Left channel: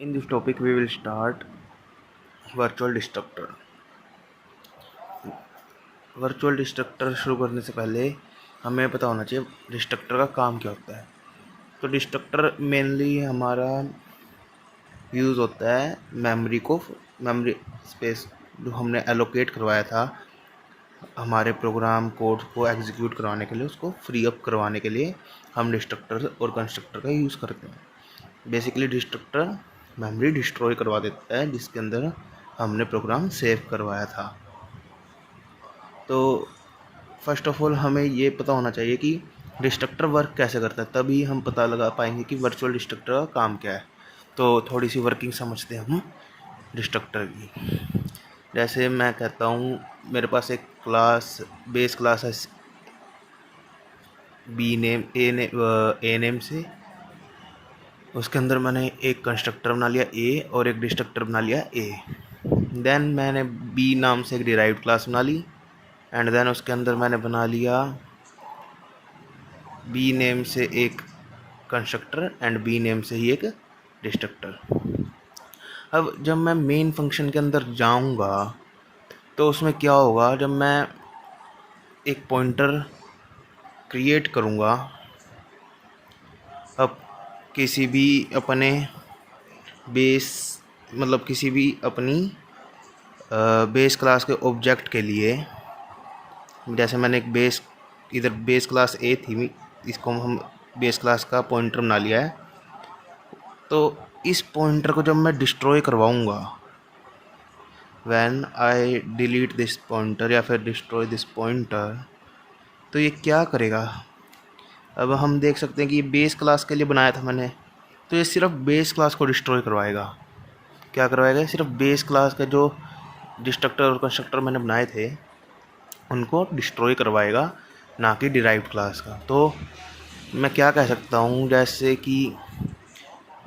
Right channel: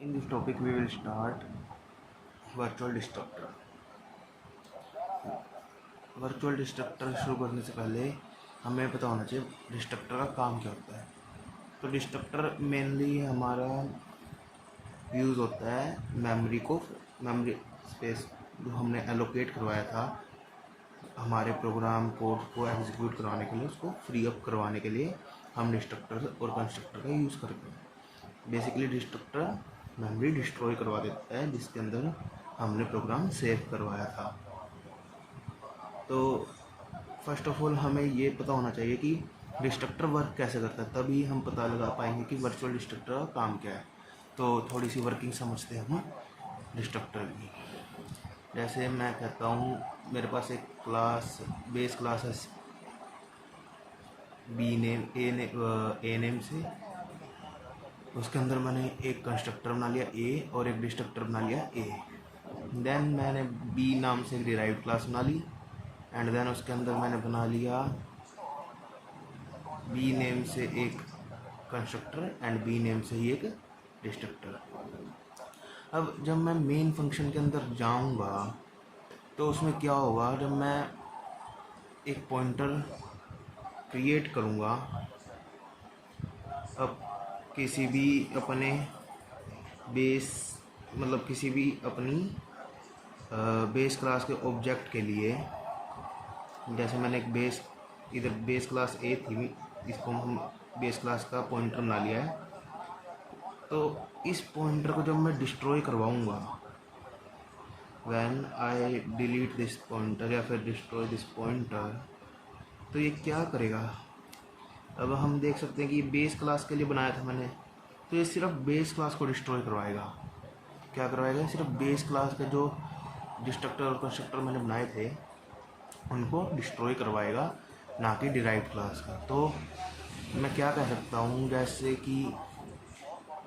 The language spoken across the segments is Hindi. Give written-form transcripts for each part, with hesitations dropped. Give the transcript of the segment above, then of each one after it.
In this topic, we will start virtual destructor. Virtual destructor शुरू करने से पहले हमें पता होना चाहिए डिस्ट्रक्टर का काम क्या होता है। तो डिस्ट्रक्टर मेनली हमारा यूज़ होता है मेमोरी स्पेस जो हमने एलोकेट करवाया था हमारे प्रोग्राम कोड को एग्जीक्यूट करवाने के लिए, उसको फ्री अप करवाने के लिए हम डिस्ट्रक्टर और कंस्ट्रक्टर का यूज़ करते हैं। बेसिकली डिस्ट्रक्टर मेमोरी डिस्ट्रॉय करवा देता है जिसके अंदर हमने प्रोग्राम सेव करवाया था। तो फर्स्ट ऑफ ऑल हमें ये पता होना चाहिए कि डिस्ट्रक्टर वर्क कैसे करता है, तभी हम पता लगा पाएंगे कि वर्चुअल डिस्ट्रक्टर का काम क्या है। तो थोड़ी सी वर्किंग समझते हैं हम डिस्ट्रक्टर की। जैसे मैं कहता हूँ मेरे पास एक बेस क्लास है बी नेम ए नेम से, उसके अंदर मैंने एक कंस्ट्रक्टर बना लिया ए और एक डिस्ट्रक्टर बना लिया ए। देन मैंने बी नाम से एक डिराइव्ड क्लास बना ली एंड देन उसके अंदर मैंने बना लिया बी नेम से एक कंस्ट्रक्टर एंड बी नेम से ही एक डिस्ट्रक्टर। अब जब मैं मेन फंक्शन के अंदर जाऊंगा तो उसमें क्या होगा, जब मैं एक पॉइंटर क्रिएट करूंगा, अब किसी भी अपने किसी भी अपनी बेस क्लास के ऑब्जेक्ट के लिए, जैसे मैंने एक बेस क्लास ए थी, इसको हम बेस क्लास का पॉइंटर बना लिया है। तो इस पॉइंटर को जब मैं डिस्ट्रॉय करवाऊंगा, when I delete this pointer या फिर डिस्ट्रॉय दिस पॉइंटर, तो ये क्या करेगा। अब हम देख सकते हैं कि ये बेस क्लास के लिए बनाया था मैंने, तो ये सिर्फ बेस क्लास को डिस्ट्रॉय करवाएगा। क्या करवाएगा, सिर्फ बेस क्लास का जो डिस्ट्रक्टर और कंस्ट्रक्टर मैंने बनाए थे उनको डिस्ट्रॉय करवाएगा, ना कि डिराइव्ड क्लास का। तो मैं क्या कह सकता हूँ, जैसे कि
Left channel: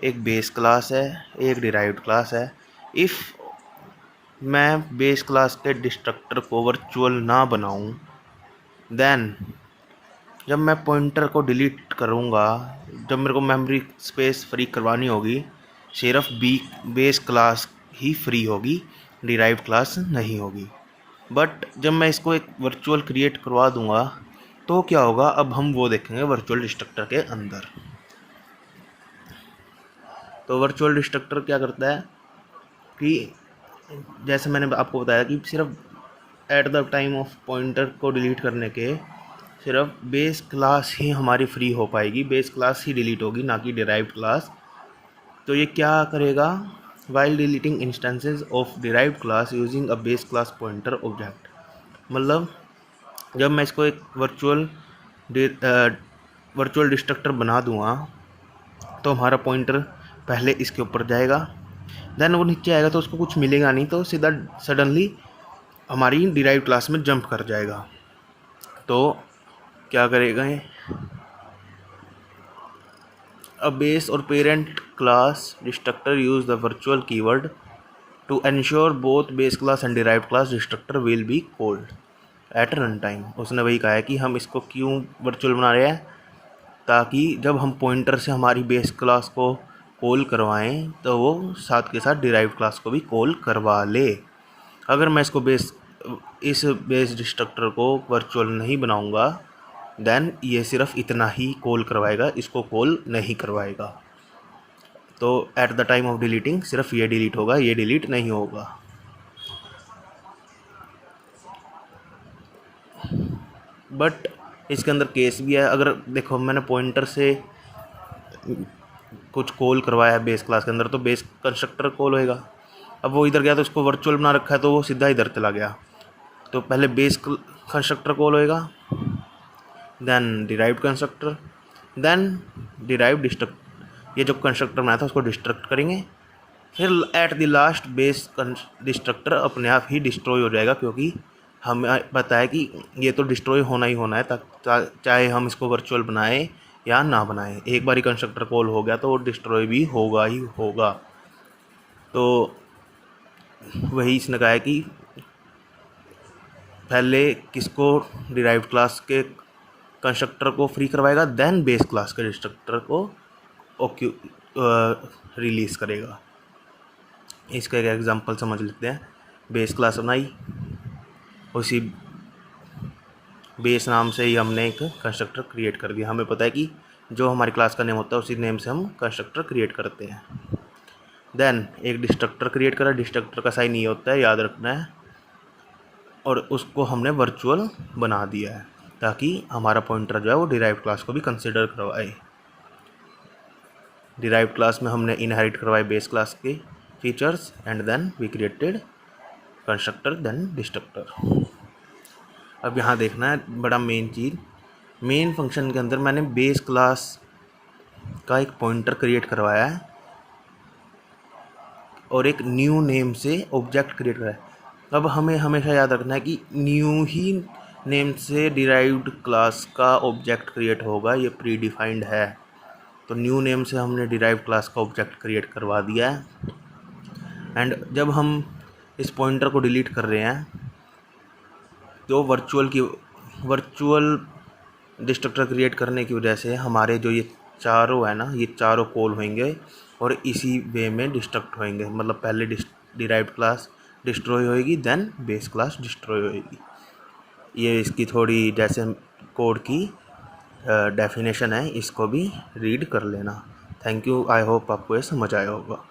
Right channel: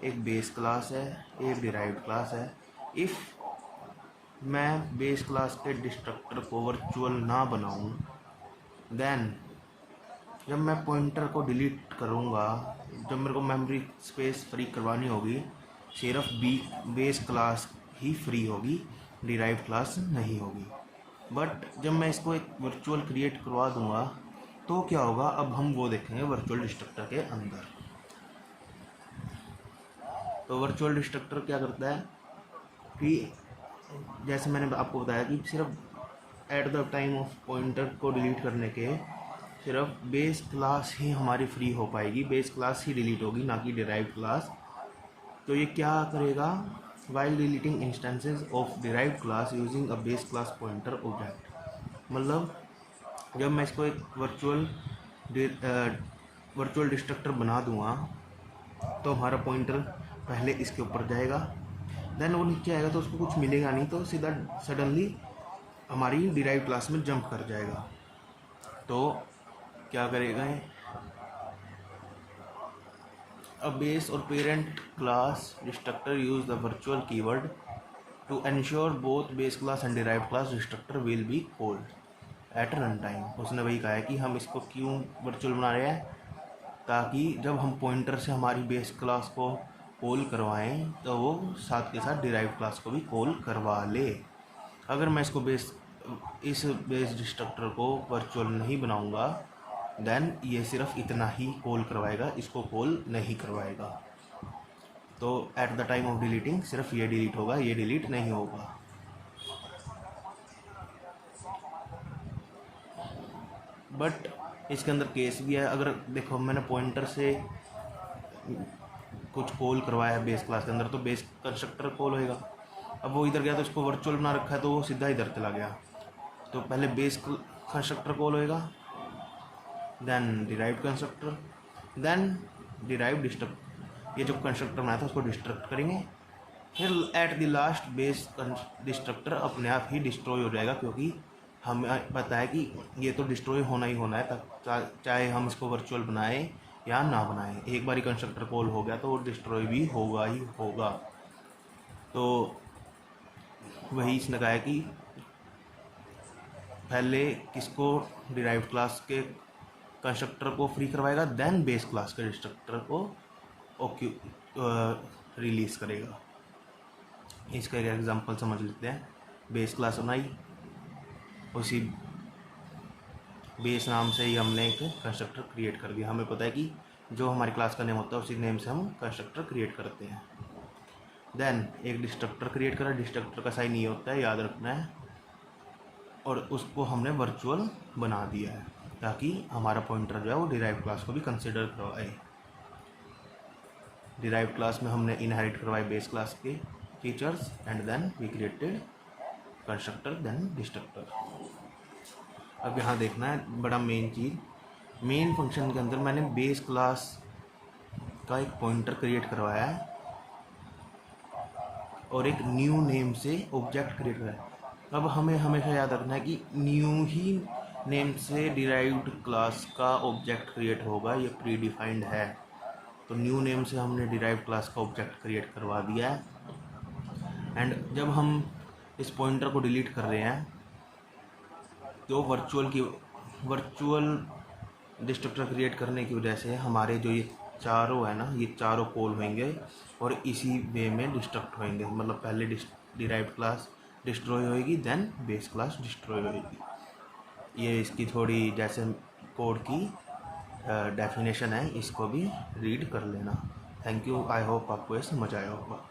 एक बेस क्लास है, एक डिराइव्ड क्लास है। इफ़ मैं बेस क्लास के डिस्ट्रक्टर को वर्चुअल ना बनाऊँ, देन जब मैं पॉइंटर को डिलीट करूँगा, जब मेरे को मेमोरी स्पेस फ्री करवानी होगी, सिर्फ बेस क्लास ही फ्री होगी, डिराइव्ड क्लास नहीं होगी। बट जब मैं इसको एक वर्चुअल क्रिएट करवा दूँगा तो क्या होगा, अब हम वो देखेंगे वर्चुअल डिस्ट्रक्टर के अंदर। तो वर्चुअल डिस्ट्रक्टर क्या करता है कि जैसे मैंने आपको बताया कि सिर्फ at the time of pointer को डिलीट करने के सिर्फ बेस क्लास ही हमारी फ्री हो पाएगी, बेस क्लास ही डिलीट होगी, ना कि डिराइव्ड क्लास। तो ये क्या करेगा, while deleting instances of derived class using a base class pointer object. मतलब जब मैं इसको एक वर्चुअल डिस्ट्रक्टर बना दूँगा तो हमारा पॉइंटर पहले इसके ऊपर जाएगा, देन वो नीचे आएगा तो उसको कुछ मिलेगा नहीं, तो सीधा सडनली हमारी डिराइव्ड क्लास में जंप कर जाएगा। तो क्या करेगा, अ बेस और parent class destructor use the virtual keyword to ensure both base class and derived class destructor will be called at run time. उसने वही कहा है कि हम इसको क्यों वर्चुअल बना रहे हैं, ताकि जब हम पॉइंटर से हमारी बेस क्लास को कॉल करवाएं तो वो साथ के साथ डिराइव्ड क्लास को भी कॉल करवा ले। अगर मैं इस बेस डिस्ट्रक्टर को वर्चुअल नहीं बनाऊंगा, देन ये सिर्फ इतना ही कॉल करवाएगा, इसको कॉल नहीं करवाएगा। तो at the time of deleting सिर्फ ये डिलीट होगा, ये डिलीट नहीं होगा। बट इसके अंदर केस भी है। अगर देखो मैंने पॉइंटर से कुछ कॉल करवाया है बेस क्लास के अंदर, तो बेस कंस्ट्रक्टर कॉल होएगा। अब वो इधर गया तो इसको वर्चुअल बना रखा है तो वो सीधा इधर चला गया, तो पहले बेस कंस्ट्रक्टर कॉल होएगा, then derived constructor, then derived destruct, ये जो कंस्ट्रक्टर बनाया था उसको डिस्ट्रक्ट करेंगे, फिर at the last base destructor अपने आप ही डिस्ट्रॉय हो जाएगा, क्योंकि हमें पता है कि ये तो डिस्ट्रॉय होना ही होना है, चाहे हम इसको वर्चुअल बनाएं या ना बनाएं। एक बार ही कंस्ट्रक्टर कॉल हो गया तो वो डिस्ट्रॉय भी होगा ही होगा। तो वही इसने कहा है कि पहले किसको, डिराइव्ड क्लास के कंस्ट्रक्टर को फ्री करवाएगा, देन बेस क्लास के डिस्ट्रक्टर को रिलीज़ करेगा। इसका एक एग्जांपल समझ लेते हैं। बेस क्लास बनाई, उसी बेस नाम से ही हमने एक कंस्ट्रक्टर क्रिएट कर दिया। हमें पता है कि जो हमारी क्लास का नेम होता है उसी नेम से हम कंस्ट्रक्टर क्रिएट करते हैं। देन एक डिस्ट्रक्टर क्रिएट करा, डिस्ट्रक्टर का साइन ये होता है, याद रखना है, और उसको हमने वर्चुअल बना दिया है ताकि हमारा पॉइंटर जो है वो डिराइव्ड क्लास को भी कंसिडर करवाए। डिराइव्ड क्लास में हमने इनहेरिट करवाए बेस क्लास के features and then we created constructor then destructor. अब यहाँ देखना है बड़ा मेन चीज़, मेन फंक्शन के अंदर मैंने बेस क्लास का एक पॉइंटर क्रिएट करवाया है और एक न्यू नेम से ऑब्जेक्ट क्रिएट कराया है। अब हमें हमेशा याद रखना है कि न्यू ही नेम से डिराइव्ड क्लास का ऑब्जेक्ट क्रिएट होगा, ये प्री डिफाइंड है। तो न्यू नेम से हमने डिराइव्ड क्लास का ऑब्जेक्ट क्रिएट करवा दिया है। एंड जब हम इस पॉइंटर को डिलीट कर रहे हैं तो वर्चुअल डिस्ट्रक्टर क्रिएट करने की वजह से हमारे जो ये चारों है ना, ये चारों कॉल होंगे और इसी वे में डिस्ट्रक्ट होंगे। मतलब पहले डिराइव्ड क्लास डिस्ट्रॉय होएगी, देन बेस क्लास डिस्ट्रॉय होएगी। ये इसकी थोड़ी जैसे कोड की डेफिनेशन है, इसको भी रीड कर लेना। थैंक यू, आई होप आपको ये समझ आया होगा।